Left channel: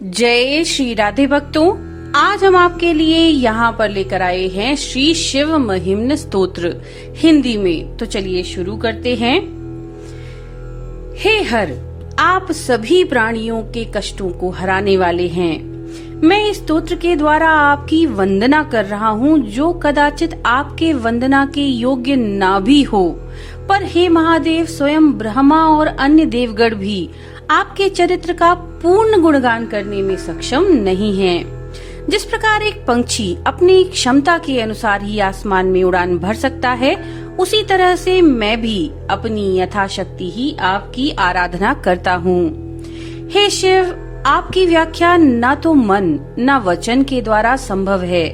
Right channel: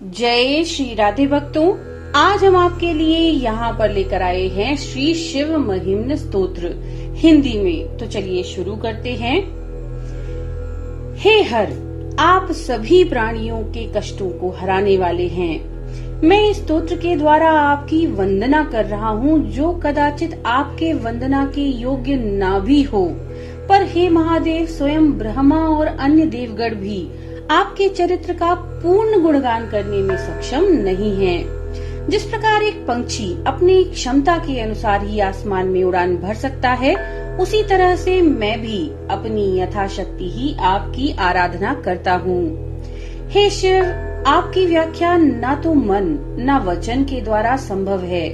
जय श्री राधे भक्तों, आज हम आपके लिए यहाँ पर लेकर आए हैं श्री शिव महिम्न स्तोत्र हिंदी में। तो चलिए शुरू करते हैं। हे हर, आप सभी प्राणियों के कष्टों को हराने वाले हैं। मैं इस स्तोत्र के द्वारा आपकी वंदना कर रहा हूँ, जो कदाचित आपके वंदना के योग्य ना भी हो, पर हे महादेव, स्वयं ब्रह्मा और अन्य देवगण भी आपके चरित्र का पूर्ण गुणगान करने में सक्षम नहीं हैं। जिस प्रकार एक पंछी अपनी क्षमता के अनुसार ही आसमान में उड़ान भर सकता है, उसी तरह से मैं भी अपनी यथाशक्ति ही आपकी आराधना करता हूँ। हे शिव, आपकी व्याख्या ना तो मन ना वचन के द्वारा संभव है।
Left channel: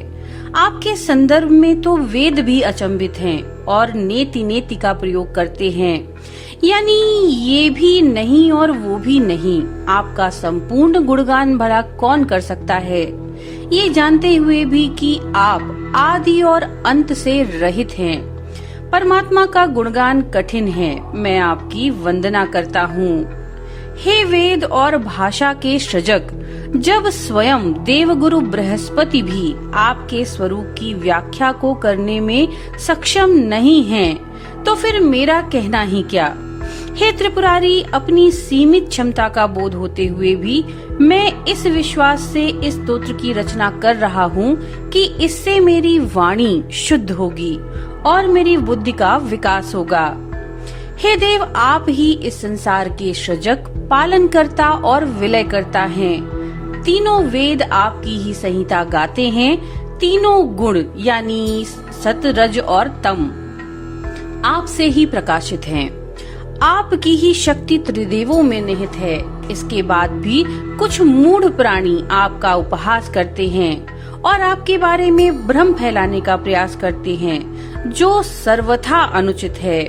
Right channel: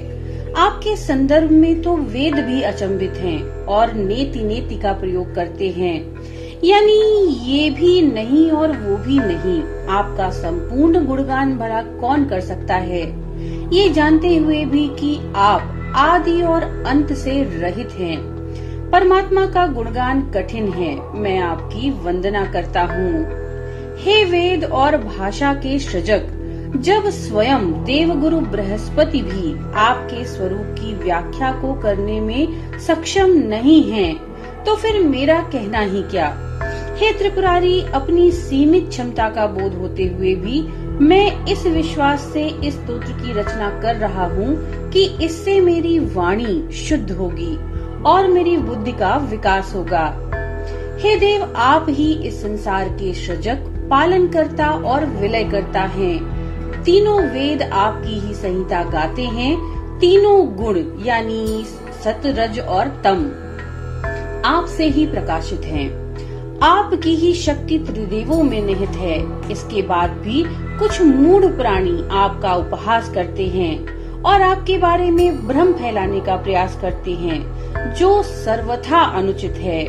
आपके संदर्भ में तो वेद भी अचंभित हैं और नेति नेति का प्रयोग करते हैं, यानी ये भी नहीं और वो भी नहीं। आपका संपूर्ण गुणगान भला कौन कर सकता है, ये जानते हुए भी कि आप आदि और अंत से रहित हैं। परमात्मा का गुणगान कठिन है, मैं आपकी वंदना करता हूँ। हे वेद और भाषा के सृजक, जब स्वयं देवगुरु बृहस्पति भी आपके स्वरूप की व्याख्या को करने में सक्षम नहीं हैं, तो फिर मेरा कहना ही क्या। हे त्रिपुरारी, अपनी सीमित क्षमता का बोध होते हुए भी मैं इस विश्वास से इस स्तोत्र की रचना कर रहा हूँ कि इससे मेरी वाणी शुद्ध होगी और मेरी बुद्धि का विकास होगा। हे देव, आप ही इस संसार के सृजक, पालन करता और विलय करता हैं। तीनों वेद आपकी ही संहिता गाते हैं। तीनों गुण यानी सत, रज और तम आपसे ही प्रकाशित हैं। आपकी ही शक्ति त्रिदेवों में निहित है। इसके बाद भी कुछ मूढ़ प्राणी आपका उपहास करते हैं और आपके बारे में भ्रम फैलाने का प्रयास करते हैं, जो सर्वथा अनुचित है।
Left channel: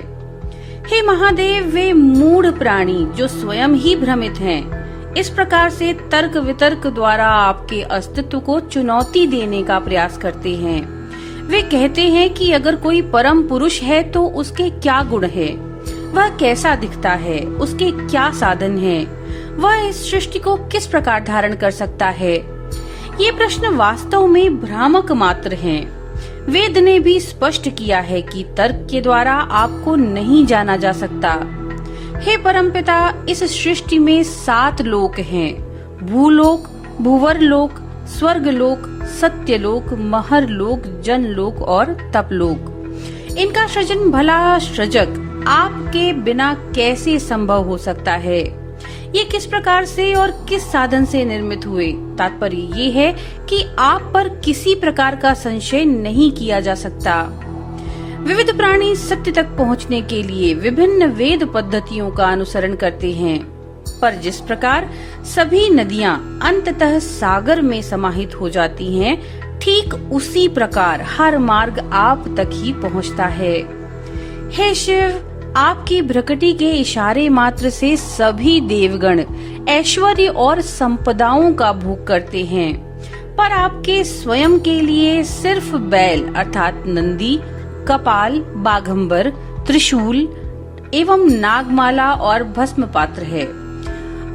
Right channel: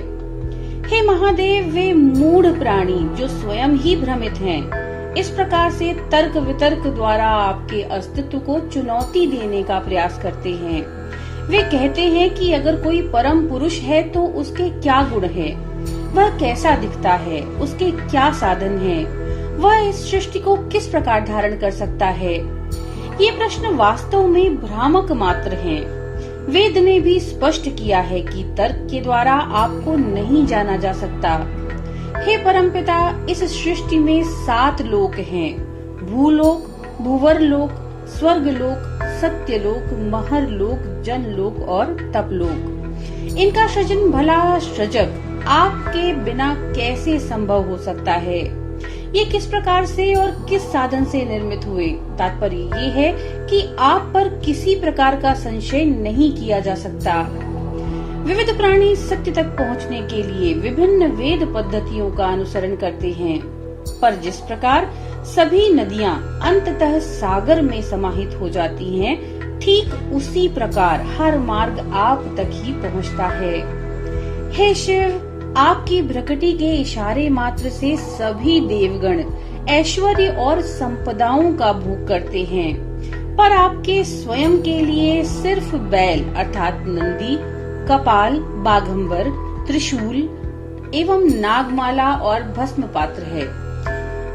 हे महादेव, वे मूढ़ प्राणी जो स्वयं ही भ्रमित हैं, इस प्रकार से तर्क वितर्क द्वारा आपके अस्तित्व को चुनौती देने का प्रयास करते हैं। वे कहते हैं कि अगर कोई परम पुरुष है तो उसके क्या गुण है, वह कैसा दिखता है, उसके क्या साधन है, वह इस सृष्टि को किस प्रकार धारण कर सकता है। ये प्रश्न वास्तव में भ्रामक मात्र हैं। वेद ने भी स्पष्ट किया है कि तर्क के द्वारा आपको नहीं जाना जा सकता। हे परमपिता, इस सृष्टि में 7 लोक हैं: भूलोक, भूवरलोक, स्वर्गलोक, सत्यलोक, महरलोक, जनलोक और तपलोक। इनका सृजन भला सृजक आपके बिना कैसे संभव हो सकता है? ये किस प्रकार से और किस साधन से निर्मित हुए? तात्पर्य ये है कि आप पर किसी प्रकार का संशय नहीं किया जा सकता। विविध प्राणी सत्य तक पहुंचने के लिए विभिन्न वेद पद्धतियों का अनुसरण करते हैं, पर जिस प्रकार सभी नदियां अंततः सागर में समाहित हो जाती हैं, ठीक उसी प्रकार हर मार्ग आप तक ही पहुंचता है। हे शिव, आपकी भ्रकटी के इशारे मात्र से सभी देवगण ऐश्वर्य और संपदाओं का भोग करते हैं, पर आपके स्वयं के लिए सिर्फ बैल अर्थात नंदी, कपाल, बाघंबर, त्रिशूल एवं नागमाला और भस्म पात्र है।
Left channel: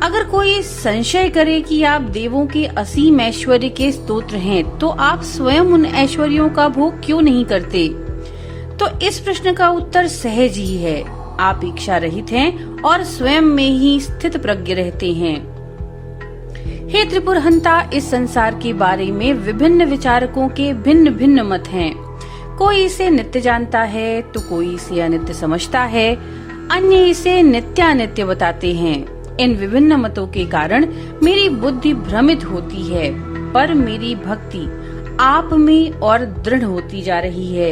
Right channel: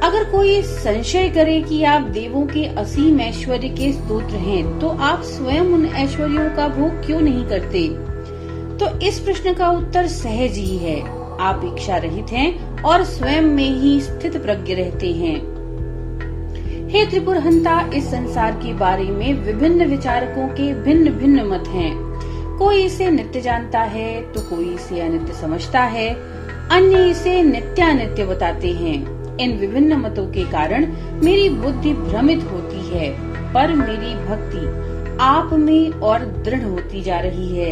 अगर कोई संशय करे कि आप देवों के असीम ऐश्वर्य के स्तोत्र हैं, तो आप स्वयं उन ऐश्वर्यों का भोग क्यों नहीं करते? तो इस प्रश्न का उत्तर सहज ही है। आप इच्छा रहित हैं और स्वयं में ही स्थित प्रज्ञ रहते हैं। हे त्रिपुरहंता, इस संसार के बारे में विभिन्न विचारकों के भिन्न भिन्न मत हैं। कोई इसे नित्य जानता है तो कोई इसे अनित्य समझता है, अन्य इसे नित्यानित्य बताते हैं। इन विभिन्न मतों के कारण मेरी बुद्धि भ्रमित होती है, पर मेरी भक्ति आप में और दृढ़ होती जा रही है।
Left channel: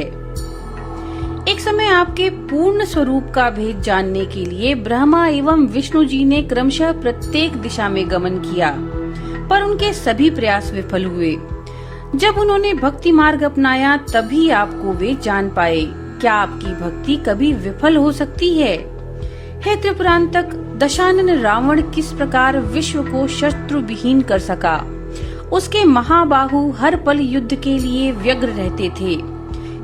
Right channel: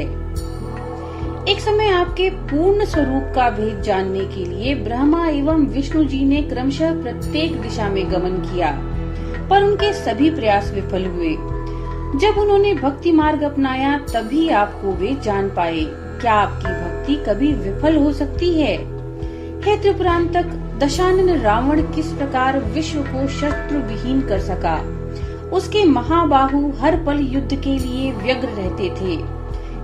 एक समय आपके पूर्ण स्वरूप का भेद जानने के लिए ब्रह्मा एवं विष्णु जी ने क्रमशः प्रत्येक दिशा में गमन किया, पर उनके सभी प्रयास विफल हुए। जब उन्होंने भक्ति मार्ग अपनाया, तभी आपको वे जान पाए। क्या आपकी भक्ति कभी विफल हो सकती है? हे त्रिपुरांतक, दशानन रावण किस प्रकार विश्व को शस्त्र विहीन कर सका? उसके महाबाहु हर पल युद्ध के लिए व्यग्र रहते थे।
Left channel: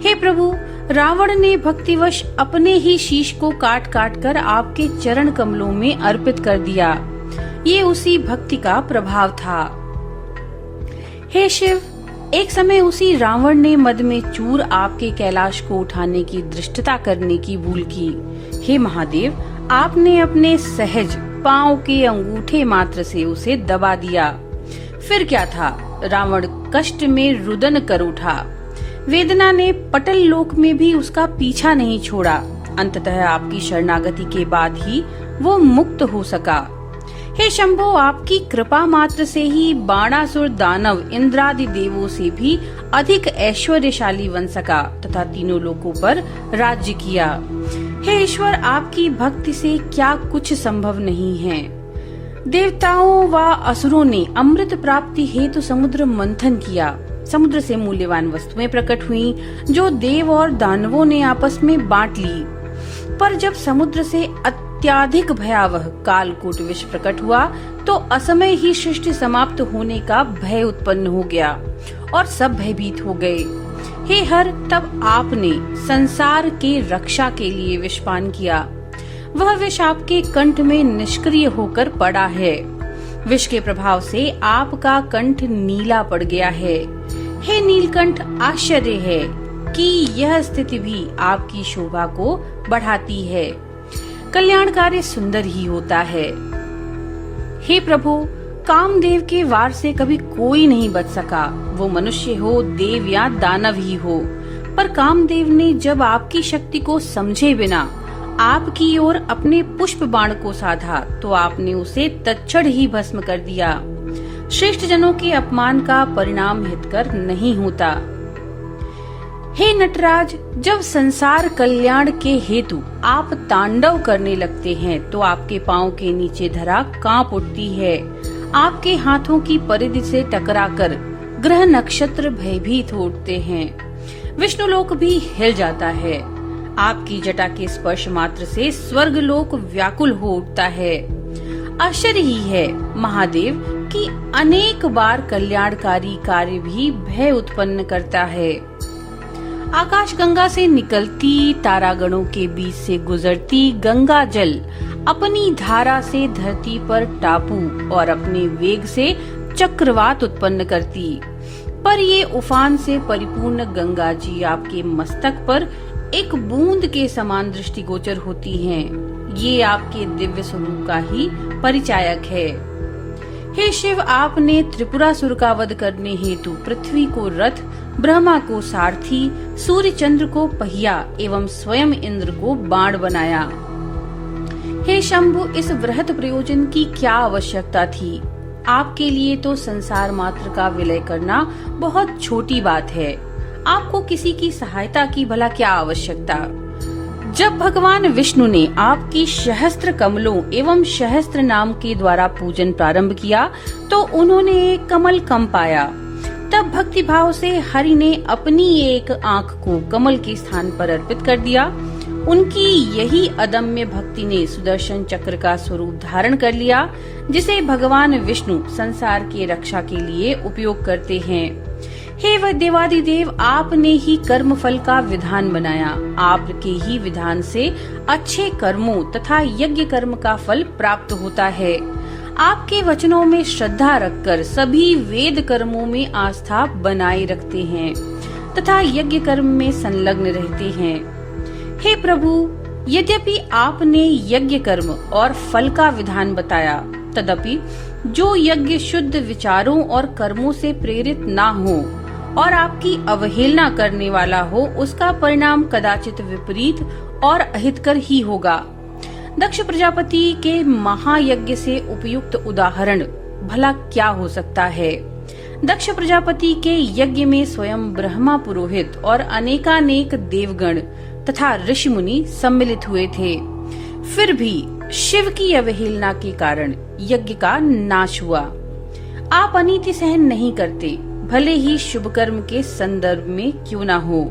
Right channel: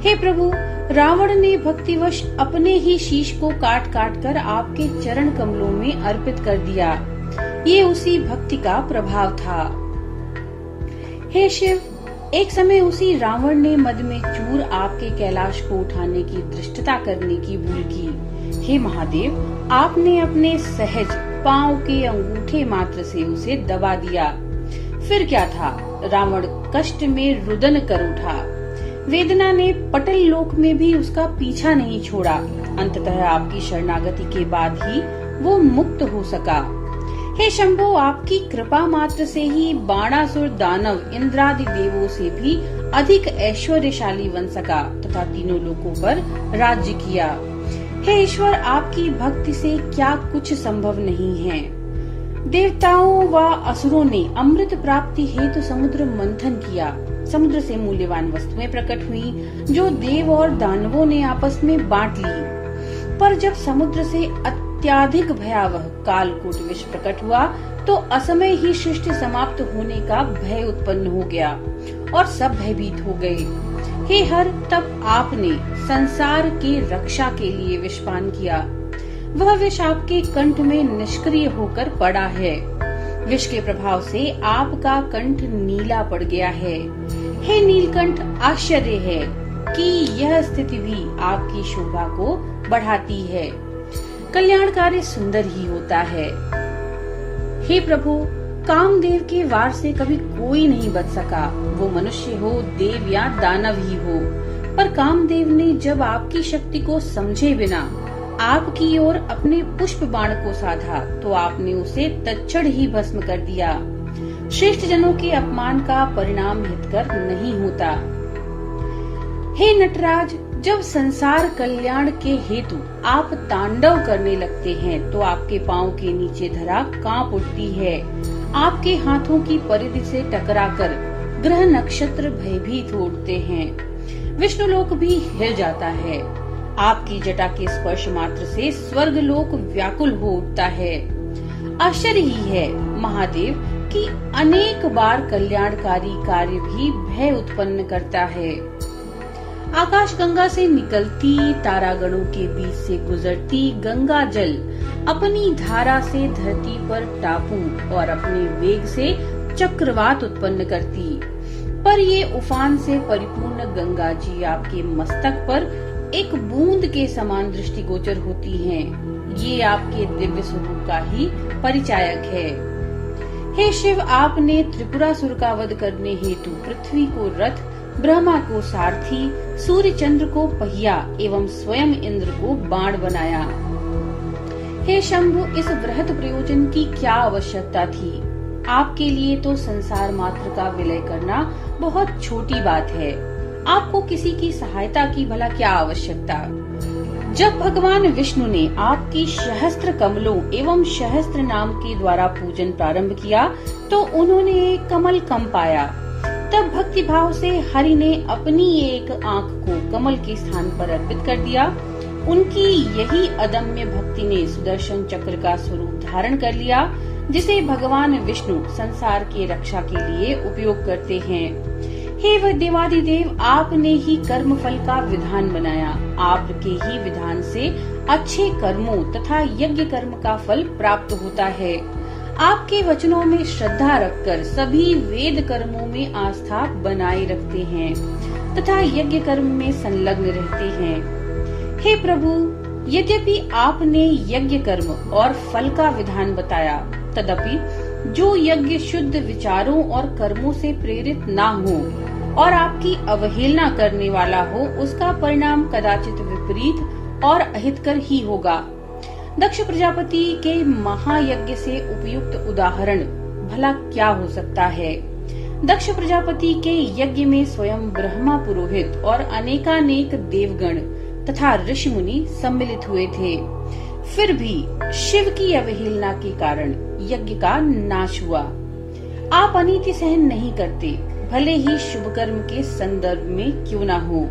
हे प्रभु, रावण ने भक्तिवश अपने ही शीश को काट काट कर आपके चरण कमलों में अर्पित कर दिया। ये उसी भक्ति का प्रभाव था। हे शिव, एक समय उसी रावण ने मद में चूर आपके कैलाश को उठाने की धृष्टता करने की भूल की। हे महादेव, आपने अपने सहज पांव के अंगूठे मात्र से उसे दबा दिया। फिर क्या था, रावण कष्ट में रुदन कर उठा। वेदना ने पटल लोक में भी उसका पीछा नहीं छोड़ा। अंततः आपकी शरणागति के बाद ही वो मुक्त हो सका। हे शंभो, आपकी कृपा मात्र से ही बाणासुर दानव इंद्रादि देवों से भी अधिक ऐश्वर्यशाली बन सका तथा तीनों लोकों पर राज्य किया। हे ईश्वर, आपकी भक्ति से क्या कुछ संभव नहीं है। देवताओं व असुरों ने अमृत प्राप्ति हेतु समुद्र मंथन किया। समुद्र से मूल्यवान वस्तुएं प्रकट हुई जो देव और दानवों ने आपस में बांट ली। पर जब समुद्र से अत्याधिक भयावह कालकूट विष प्रकट हुआ तो असमय ही सृष्टि समाप्त होने का भय उत्पन्न हो गया और सब भयभीत हो गए। हे हर, तब आपने संसार की रक्षा के लिए विषपान किया। वह विष आपके कंठ में निष्क्रिय होकर पड़ा है। विष के प्रभाव से आपका कंठ नीला पड़ गया है। हे नीलकंठ, आश्चर्य है कि यह स्थिति भी आपकी शोभा को बढ़ाती है। कल्याणकारी सुंदर ही होता है। हे प्रभु, कामदेव के वार से कभी कोई नहीं बच सका, वो मनुष्य हो, देव या दानव ही हो। पर कामदेव ने जब आपकी शक्ति को समझे बिना आपकी ओर अपने पुष्प बाण को साधा तो आपने उसे तत्क्षण ही भस्म कर दिया। श्रेष्ठ जनों के अपमान का परिणाम हितकर नहीं होता। हे नटराज, जब संसार कल्याण के हेतु आप तांडव करने लगते हैं तो आपके पांव के नीचे धरा कांप उठती है। आपके हाथों की परिधि से टकराकर ग्रह नक्षत्र भयभीत हो उठते हैं। विष्णुलोक भी हिल जाता है। आपकी जटा के स्पर्श मात्र से स्वर्गलोक व्याकुल हो उठता है। आश्चर्य ही है महादेव कि अनेक बार कल्याणकारी कार्य भी भय उत्पन्न करता है। आकाश गंगा से निकलती, तारागणों के बीच से गुजरती गंगा जल अपनी धारा से धरती पर टापू और अपने वेग से चक्रवात उत्पन्न करती। पर ये उफान से परिपूर्ण गंगा जी आपके मस्तक पर एक बूंद के समान दृष्टिगोचर होती हैं। ये आपके दिव्य स्वरूप का ही परिचायक है। हे शिव, आपने त्रिपुरासुर का वध करने हेतु पृथ्वी को रथ, ब्रह्मा को सारथी, सूर्य चंद्र को पहिया एवं स्वयं इंद्र को बाण बनाया। हे शंभु, इस वृहत प्रयोजन की क्या आवश्यकता थी? आपके लिए तो संसार मात्र का विलय करना बहुत छोटी बात है। आपको किसी की सहायता की भला क्या आवश्यकता? जब भगवान विष्णु ने आपकी सहस्त्र कमलों एवं सहस्त्र नाम के द्वारा पूजन प्रारंभ किया तो उन्होंने एक कमल कम पाया। तब भक्ति भाव से हरि ने अपनी एक आंख को कमल के स्थान पर अर्पित कर दिया। उनकी यही अदम्य भक्ति ने सुदर्शन चक्र का स्वरूप धारण कर लिया, जिसे भगवान विष्णु संसार की रक्षा के लिए उपयोग करते हैं। हे वह देवादिदेव, आपने ही कर्म फल का विधान बनाया। आपके ही विधान से अच्छे कर्मों तथा यज्ञ कर्म का फल प्राप्त होता है। आपके वचनों में श्रद्धा रखकर सभी वेद कर्मों में आस्था बनाए रखते हैं तथा यज्ञ कर्म में संलग्न रहते हैं। हे प्रभु, यद्यपि आपने यज्ञ कर्म और फल का विधान बताया, तदपि जो यज्ञ शुद्ध विचारों और कर्मों से प्रेरित ना हो और आपकी अवहेलना करने वाला हो, उसका परिणाम कदाचित विपरीत और अहितकर ही होगा। दक्ष प्रजापति के महायज्ञ से उपयुक्त उदाहरण भला क्या हो सकता है? दक्ष प्रजापति के यज्ञ में स्वयं ब्रह्मा पुरोहित और अनेकानेक देवगण तथा ऋषि मुनि सम्मिलित हुए थे। फिर भी शिव की अवहेलना के कारण यज्ञ का नाश हुआ। आप अनीति सहन नहीं करते, भले ही शुभ कर्म के संदर्भ में क्यों न हो।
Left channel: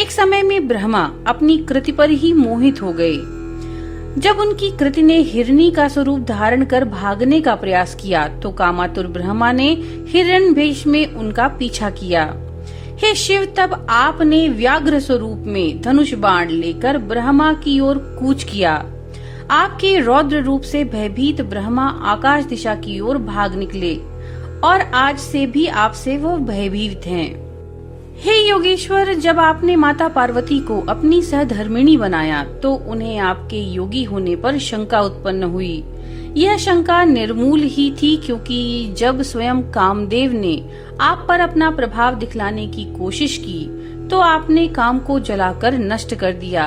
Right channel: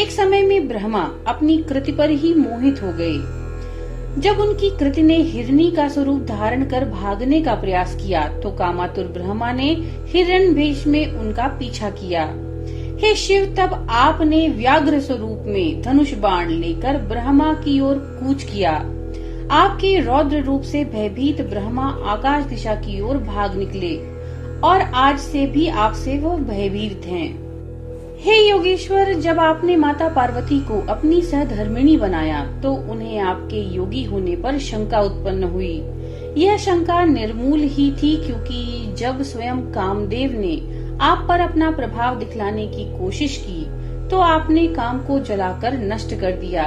एक समय में ब्रह्मा अपनी कृति पर ही मोहित हो गए। जब उनकी कृति ने हिरनी का स्वरूप धारण कर भागने का प्रयास किया तो कामातुर ब्रह्मा ने हिरण्यवेश में उनका पीछा किया। हे शिव, तब आपने व्याघ्र स्वरूप में धनुष बाण लेकर ब्रह्मा की ओर कूच किया। आपके रौद्र रूप से भयभीत ब्रह्मा आकाश दिशा की ओर भाग निकले और आज से भी आपसे वो भयभीत हैं। हे योगेश्वर, जब आपने माता पार्वती को अपनी सहधर्मिणी बनाया तो उन्हें आपके योगी होने पर शंका उत्पन्न हुई। यह शंका निर्मूल ही थी, क्योंकि जब स्वयं कामदेव ने आप पर अपना प्रभाव दिखलाने की कोशिश की तो आपने काम को जलाकर नष्ट कर दिया।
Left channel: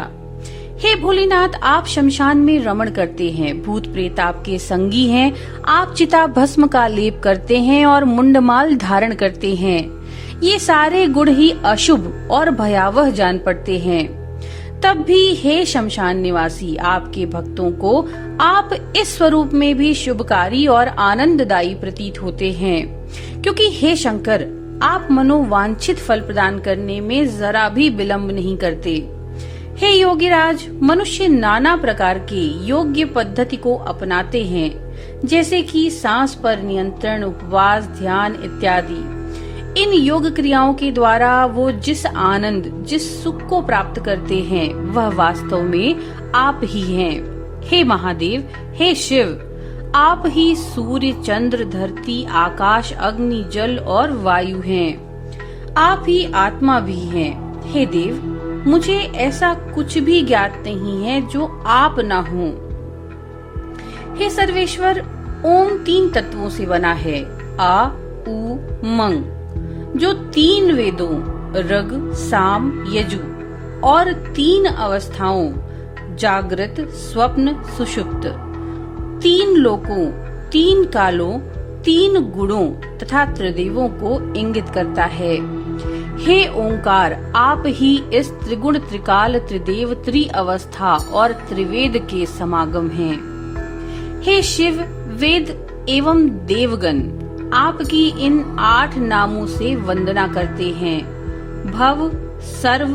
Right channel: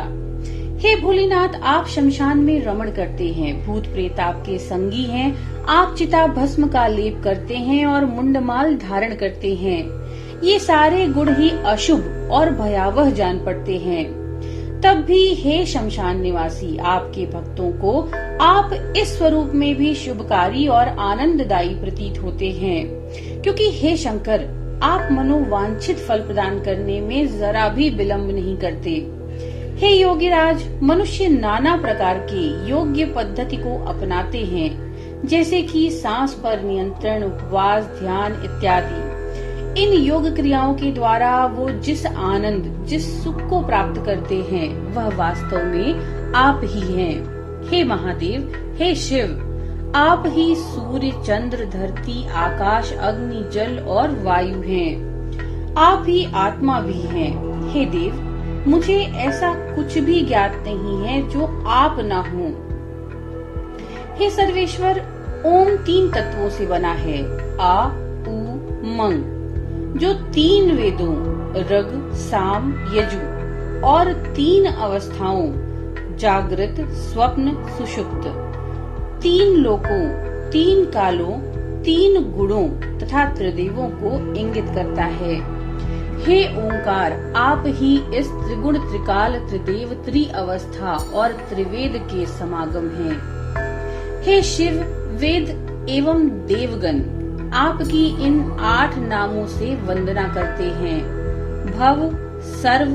हे भोलेनाथ, आप शमशान में रमण करते हैं, भूत प्रेत आपके संगी हैं, आप चिता भस्म का लेप करते हैं और मुंडमाल धारण करते हैं। ये सारे गुण ही अशुभ और भयावह जान पड़ते हैं। तब भी हे शमशान निवासी, आपके भक्तों को आप इस स्वरूप में भी शुभकारी और आनंददायी प्रतीत होते हैं, क्योंकि हे शंकर, आप मनोवांछित फल प्रदान करने में जरा भी विलंब नहीं करते। हे योगीराज, मनुष्य नाना प्रकार के योग्य पद्धति को अपनाते हैं, जैसे कि सांस पर नियंत्रण, उपवास, ध्यान इत्यादि। इन योग क्रियाओं के द्वारा वो जिस आनंद, जिस सुख को प्राप्त करते हैं, वह वास्तव में आप ही हैं। हे महादेव, हे शिव, आप ही सूर्य, चंद्र, धरती, आकाश, अग्नि, जल और वायु हैं। आप ही आत्मा भी हैं। हे देव, मुझे ऐसा कुछ भी ज्ञात नहीं है जो आप न हो। हे सर्वेश्वर, ओम 3 तत्वों से बना है, आ, उ, मंग, जो 3 वेदों ऋग, साम, यजु और 3 अवस्थाओं जागृत, स्वप्न, सुषुप्त, 3 लोकों, 3 कालों, 3 गुणों तथा त्रिदेवों को इंगित करता है। हे ओंकार, आप ही इस त्रिगुण, त्रिकाल, त्रिदेव, त्रिअवस्था और त्रिवेद के समागम हैं। हे शिव, वेद एवं देवगण आपकी इन 8 नामों से वंदना करते हैं। भव, सर्व,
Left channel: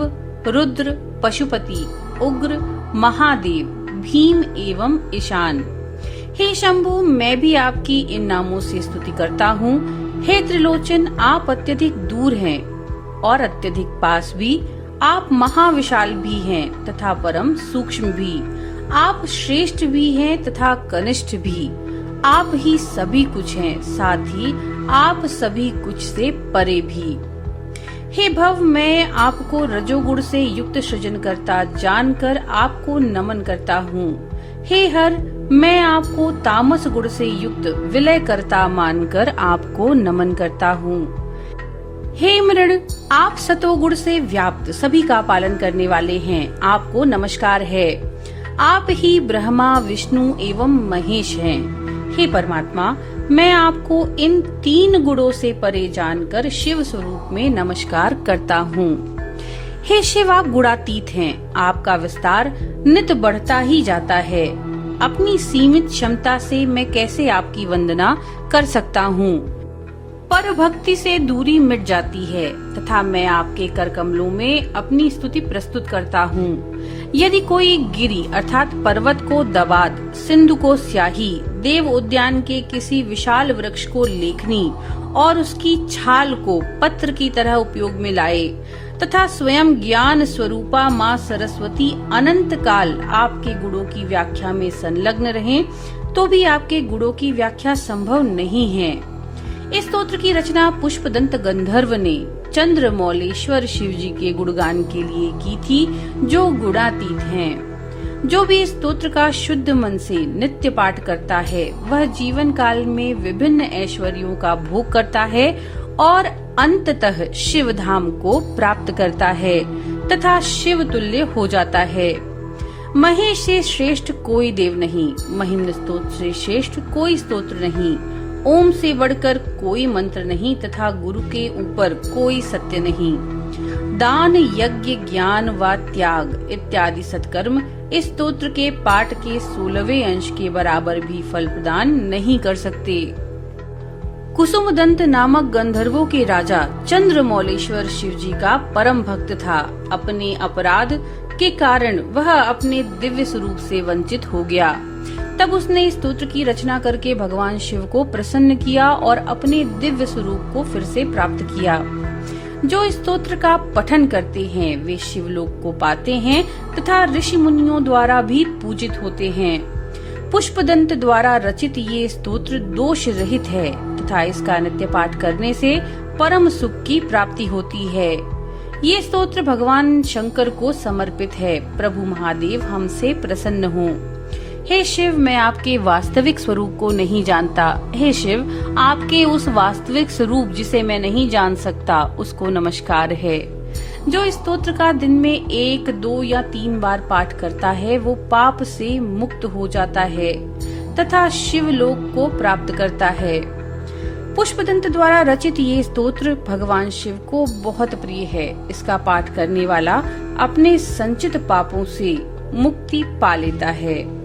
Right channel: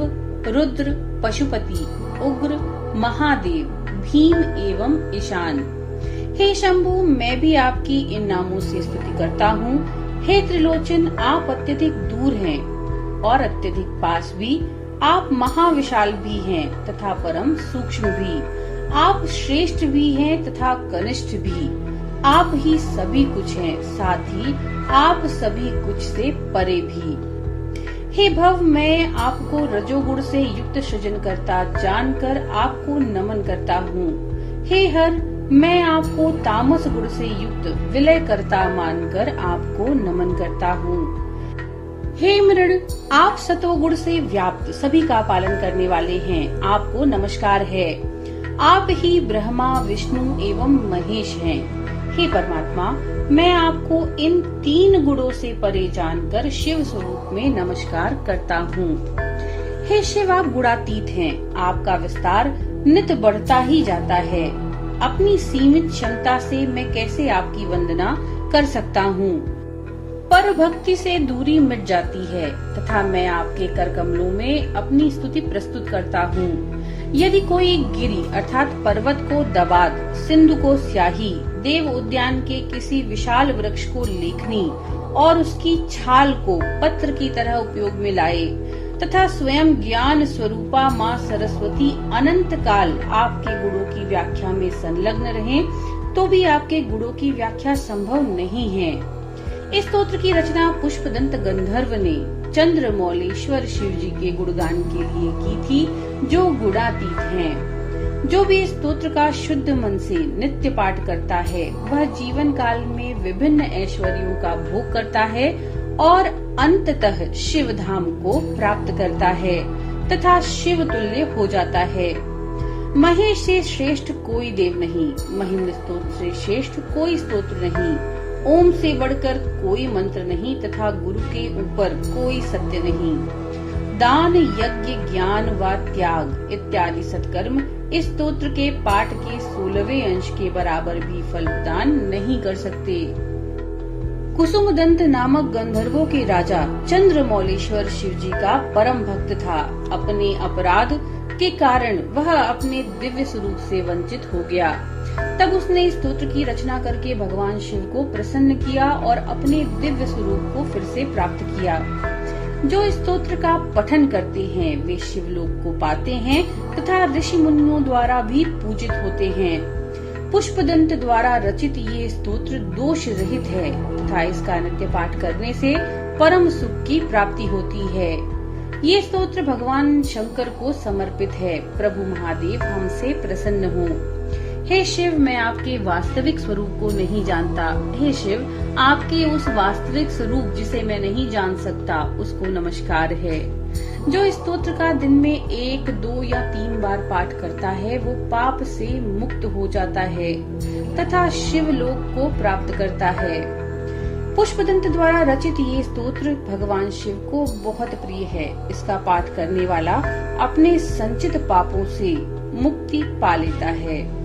रुद्र, पशुपति, उग्र, महादेव, भीम एवं ईशान। हे शंभु, मैं भी आपकी इन नामों से स्तुति करता हूँ। हे त्रिलोचन, आप अत्यधिक दूर हैं और अत्यधिक पास भी। आप महाविशाल भी हैं तथा परम सूक्ष्म भी। आप श्रेष्ठ भी हैं तथा कनिष्ठ भी। आप ही सभी कुछ हैं, साथ ही आप सभी कुछ से परे भी। हे भव, मैं आपको रजोगुण से युक्त सृजन करता जानकर आपको नमन करता हूँ। हे हर, मैं आपको तामस गुण से युक्त विलय करता मानकर आपको नमन करता हूँ। हे मृण, आप सतोगुण से व्याप्त सभी का पालन करने वाले हैं, आपको नमस्कार है। आप ही ब्रह्मा, विष्णु एवं महेश हैं। हे परमात्मा, मैं आपको इन 3 गुणों से परे जानकर शिव स्वरूप में नमस्कार करता हूँ। हे शिव, आप गुणातीत हैं, आपका विस्तार नित बढ़ता ही जाता है। अपनी सीमित क्षमता से मैं कैसे आपकी वंदना कर सकता हूँ। पर भक्ति से दूरी मिट जाती है तथा मैं आपके कर कमलों में अपनी स्तुति प्रस्तुत करता हूँ। यदि कोई गिरी अर्थात पर्वत को दबात, सिंधु को स्याही, देव उद्यान के किसी विशाल वृक्ष को लेखनी और उसकी छाल को पत्र की तरह उपयोग में लाए तथा स्वयं ज्ञान स्वरूपा माँ सरस्वती अनंत काल आपके गुणों की व्याख्या में संलग्न रहें, तो भी आपके गुणों की व्याख्या संभव नहीं है। इस स्तोत्र की रचना पुष्पदंत गंधर्व ने चंद्रमौलेश्वर शिव जी के गुणगान के लिए की थी, जो गुणातीत हैं। जो भी इस स्तोत्र का शुद्ध मन से नित्य पाठ करता है, वह जीवन काल में विभिन्न ऐश्वर्यों का भोग करता है और अंततः शिव धाम को प्राप्त करता है तथा शिव तुल्य हो जाता है। महेश से श्रेष्ठ कोई देव नहीं, महिम्न स्तोत्र से श्रेष्ठ कोई स्तोत्र नहीं, ओम से बढ़कर कोई मंत्र नहीं तथा गुरु के ऊपर कोई सत्य नहीं। दान, यज्ञ, ज्ञान व त्याग इत्यादि सत्कर्म इस स्तोत्र के पाठ के 16वें अंश के बराबर भी फल प्रदान नहीं कर सकते। कुसुमदंत नामक गंधर्वों के राजा चंद्रमौलेश्वर शिव जी का परम भक्त था। अपने अपराध के कारण वह अपने दिव्य स्वरूप से वंचित हो गया। तब उसने इस स्तोत्र की रचना करके भगवान शिव को प्रसन्न किया और अपने दिव्य स्वरूप को फिर से प्राप्त किया। जो इस स्तोत्र का पठन करते हैं वे शिवलोक को पाते हैं तथा ऋषि मुनियों द्वारा भी पूजित होते हैं। पुष्पदंत द्वारा रचित ये स्तोत्र दोष रहित है तथा इसका नित्य पाठ करने से परम सुख की प्राप्ति होती है। ये स्तोत्र भगवान शंकर को समर्पित है। प्रभु महादेव हमसे प्रसन्न हो। हे शिव, मैं आपके वास्तविक स्वरूप को नहीं जानता। हे शिव, आपके उस वास्तविक स्वरूप जिसे मैं नहीं जान सकता उसको नमस्कार है। जो इस स्तोत्र का दिन में 1, 2 या 3 बार पाठ करता है वो पाप से मुक्त हो जाता है तथा शिव लोक को प्राप्त करता है। पुष्पदंत द्वारा रचित ये स्तोत्र भगवान शिव को बहुत प्रिय है। इसका पाठ करने वाला अपने संचित पापों से मुक्ति पा लेता है।